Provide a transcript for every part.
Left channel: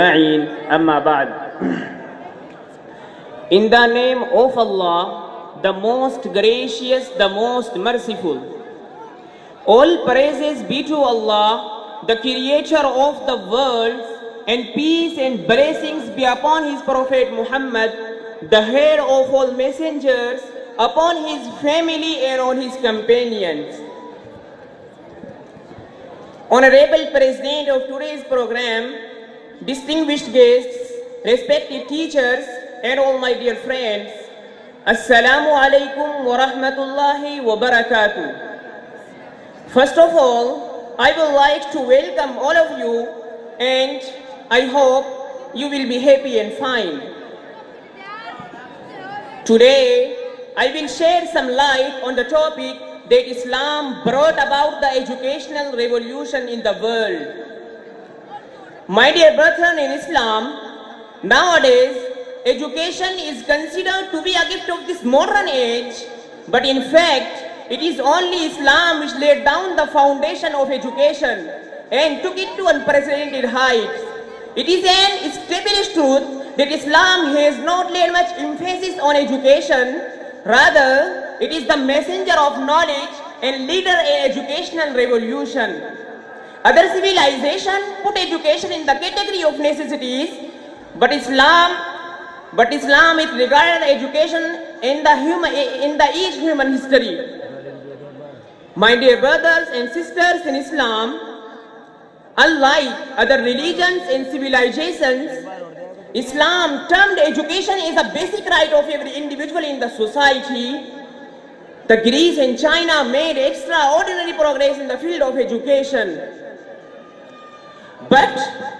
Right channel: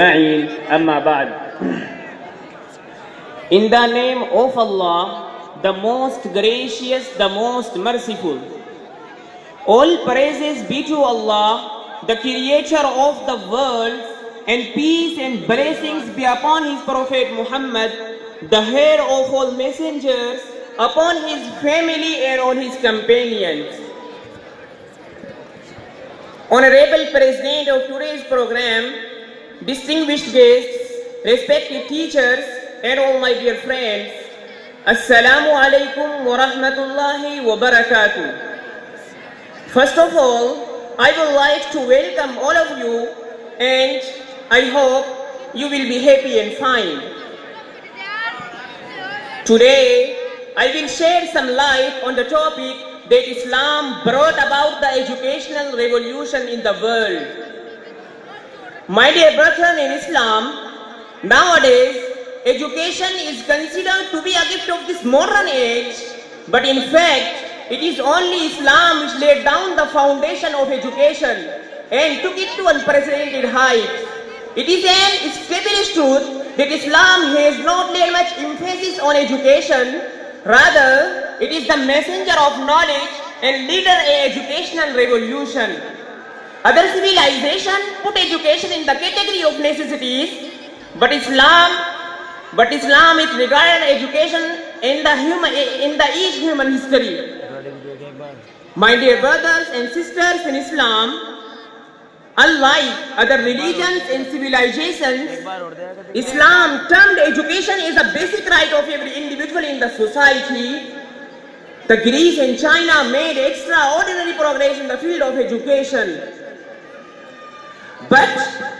Amma ba'd. In the name of Allah, the most gracious, the most merciful. All praises be to Allah, the creator of the world, and peace and blessings be upon his Prophet Muhammad, the head of all messengers, upon his family and on his companions. Honorable President of today's program, distinguished guests, respected teachers, and all my dear friends, Assalamu alaikum wa rahmatullahi wa barakatuh. First of all, I would like to welcome all of you, and I hope you will be happy and fine. Today, I will shed some light on the topic that Islam brought about the educational revolution in the world. My dear brethren in Islam, nowadays education is considered to be a gift of this modern age, but in fact it is only Islam which laid down the foundation of education and took it to unprecedented heights. It is an established truth that Islam has not laid much emphasis on education, rather it is the messenger of knowledge and leader in educational revolution. Other civilizations put education in the category of necessities, but Islam is regarded education in each human history. My dear brothers and sisters in Islam, unlike other religions and civilizations, Islam termed education as a basic right of every individual in the society. The Greece and China made extraordinary progress in the field of education. But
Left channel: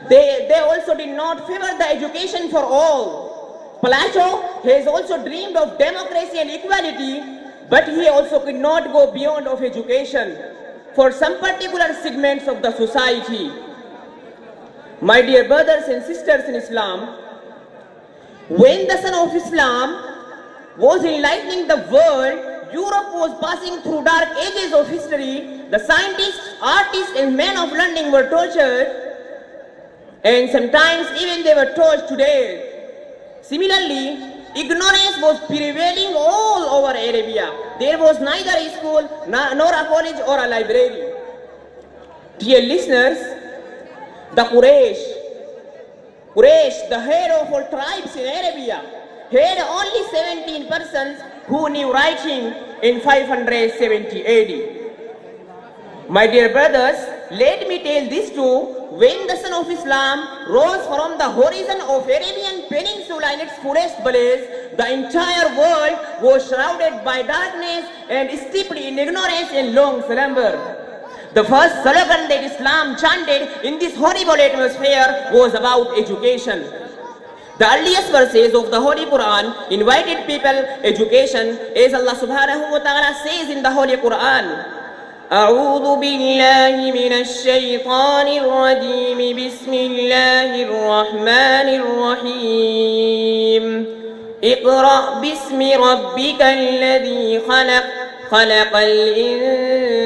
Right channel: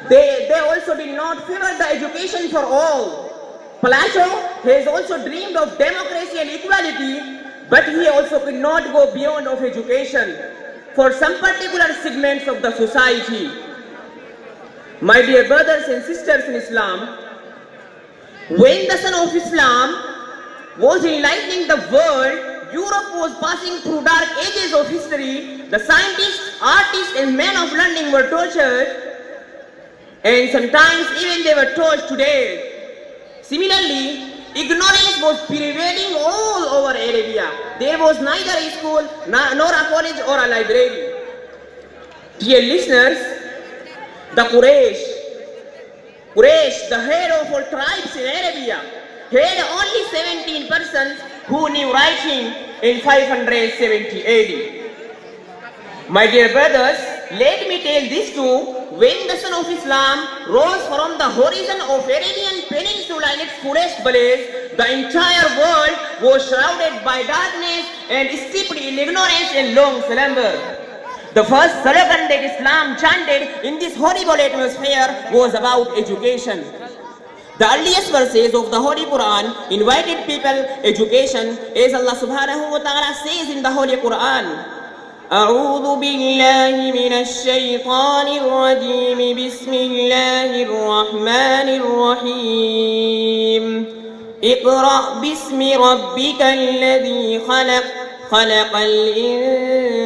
they also did not favor the education for all. Plato has also dreamed of democracy and equality, but he also could not go beyond of education for some particular segments of the society. My dear brothers and sisters in Islam, when the Son of Islam was enlightening the world, Europe was passing through dark ages of history. The scientists, artists, and men of learning were tortured, and sometimes even they were tortured to death. Similarly, ignorance was prevailing all over Arabia. There was neither a school, nor a college or a library. Dear listeners, the Quraysh, the head of all tribes in Arabia, had only 17 persons who knew writing in 570 AD. My dear brothers, let me tell this too. When the Son of Islam rose from the horizon of Arabian Peninsula in its fullest blaze, the entire world was shrouded by darkness and steeped in ignorance and long slumber. The first slogan that Islam chanted in this horrible atmosphere was about education. The earliest verses of the Holy Quran invited people education, as Allah subhanahu wa ta'ala says in the Holy Quran. أعوذ بالله من الشيطان الرجيم بسم الله الرحمن الرحيم اقرأ باسم ربك الذي خلق خلق الإنسان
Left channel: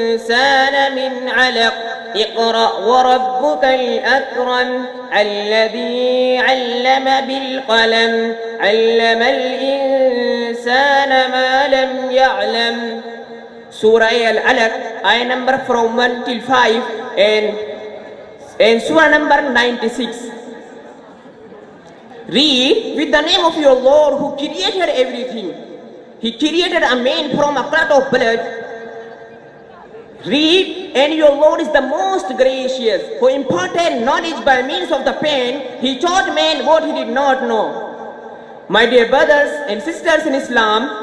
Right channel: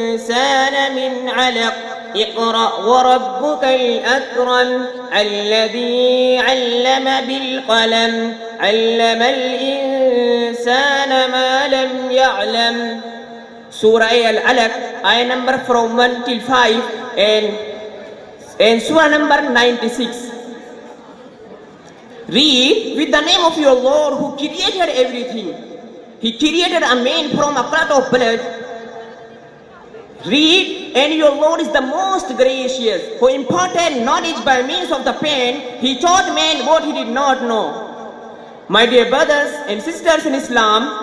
من علق اقرأ وربك الأكرم الذي علم بالقلم علم الإنسان ما لم يعلم. Surah Al-Alaq, ayah number from 1 till 5, and Surah number 96. Read, with the name of your Lord who created everything. He created a man from a clot of blood. Read, and your Lord is the most gracious, who imparted knowledge by means of the pen. He taught man what he did not know. My dear brothers and sisters in Islam,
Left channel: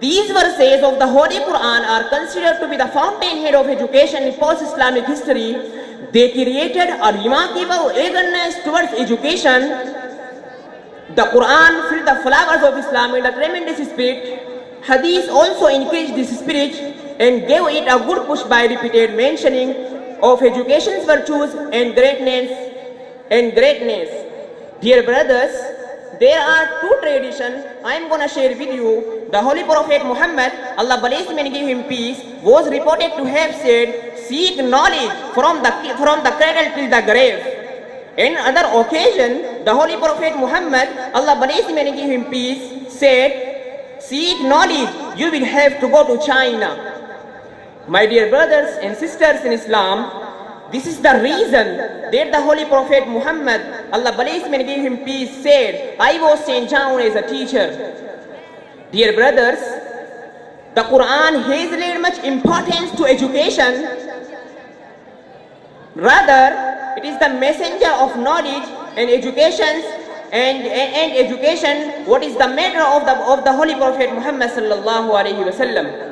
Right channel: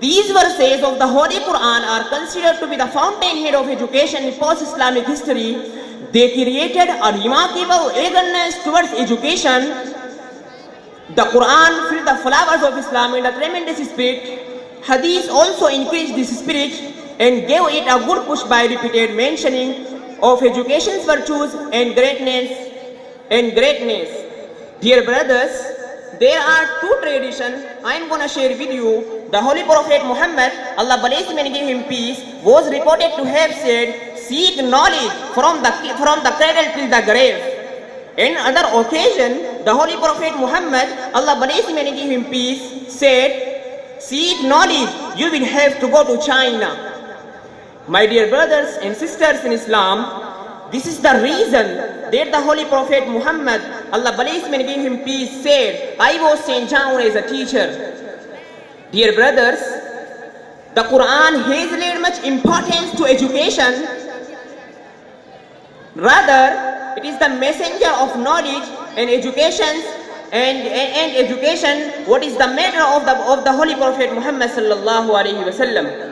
these verses of the Holy Quran are considered to be the fountainhead of education in post-Islamic history. They created a remarkable eagerness towards education. The Quran filled the flowers of Islam in a tremendous spirit. Hadith also increased this spirit and gave it a good push by repeated mentioning of education's virtues and greatness. Dear brothers, there are two traditions I am going to share with you. The Holy Prophet Muhammad, Allah bless him and give him peace, was reported to have said, seek knowledge from the cradle till the grave. In other occasion, the Holy Prophet Muhammad, Allah bless him and give him peace, said, seek knowledge, you will have to go to China. My dear brothers and sisters in Islam, this is the reason that the Holy Prophet Muhammad, Allah bless him and give him peace, said, I was sent down as a teacher. Dear brothers, the Quran has laid much importance to education. Rather, it is the messenger of knowledge and education. And education, what is the matter of the Holy Prophet Muhammad sallallahu alaihi wasallam.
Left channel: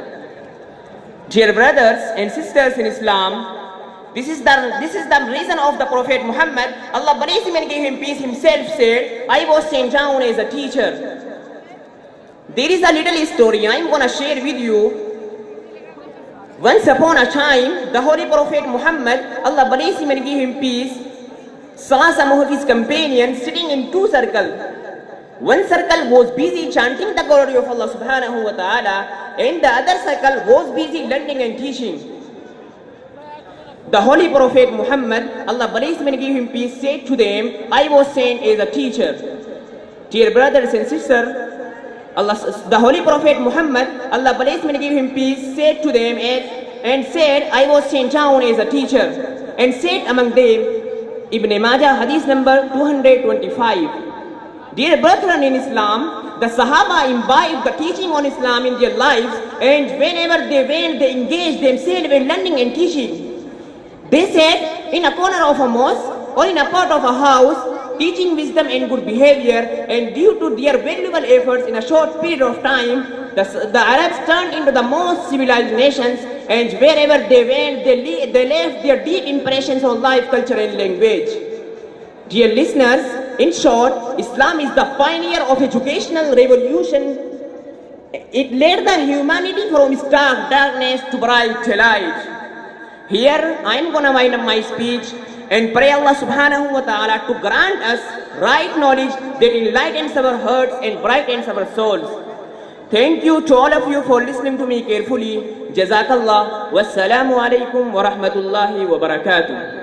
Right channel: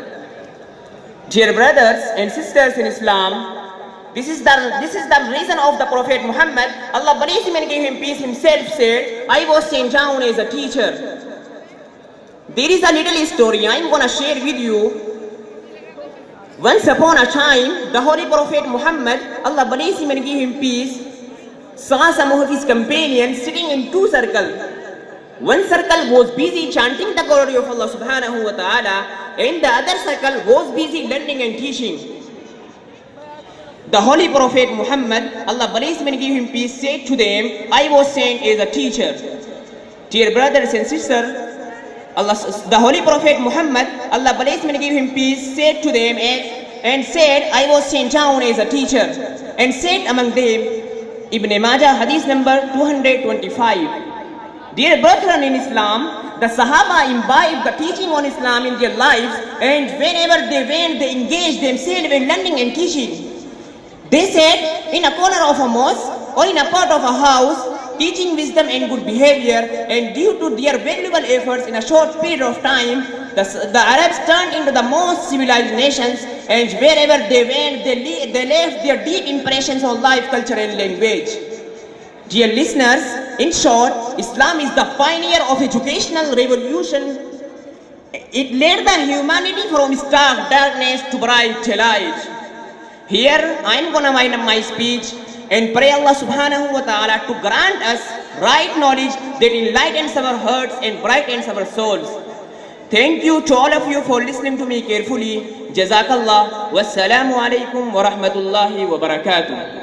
Dear brothers and sisters in Islam, this is the reason of the Prophet Muhammad. Allah bless him and give him peace, himself said, I was sent down as a teacher. There is a little story I am going to share with you. Once upon a time, the Holy Prophet Muhammad, Allah bless him and give him peace, saw some of his companions sitting in two circles. One circle was busy chanting the glory of Allah subhanahu wa ta'ala, and the other circle was busy learning and teaching. The Holy Prophet Muhammad, Allah bless him and give him peace, said to them, I was sent as a teacher. Dear brothers and sisters, the Holy Prophet Muhammad, Allah bless him and give him peace, said to them and said, I was sent down as a teacher, and said among them, Ibn Majah, hadith number 225. Dear brethren in Islam, the Sahaba imbibed the teaching on Islam in their lives, and whenever they went, they engaged themselves in learning and teaching. They sat in a corner of a mosque or in a part of a house, teaching wisdom and good behavior, and due to their valuable efforts in a short period of time, the Arabs turned into the most civilized nations, and wherever they went, they left their deep impressions on life, culture and language. Dear listeners, in short, Islam is the pioneer of educational revolution. It led the humanity from stark darkness to bright light. Here, I am going to wind up my speech and pray Allah subhanahu wa ta'ala to grant us right knowledge that enlightens our hearts and brightens our souls. Thank you to all of you for listening to me carefully. Jazakallah. Wassalamu alaikum wa rahmatullahi wa barakatuh.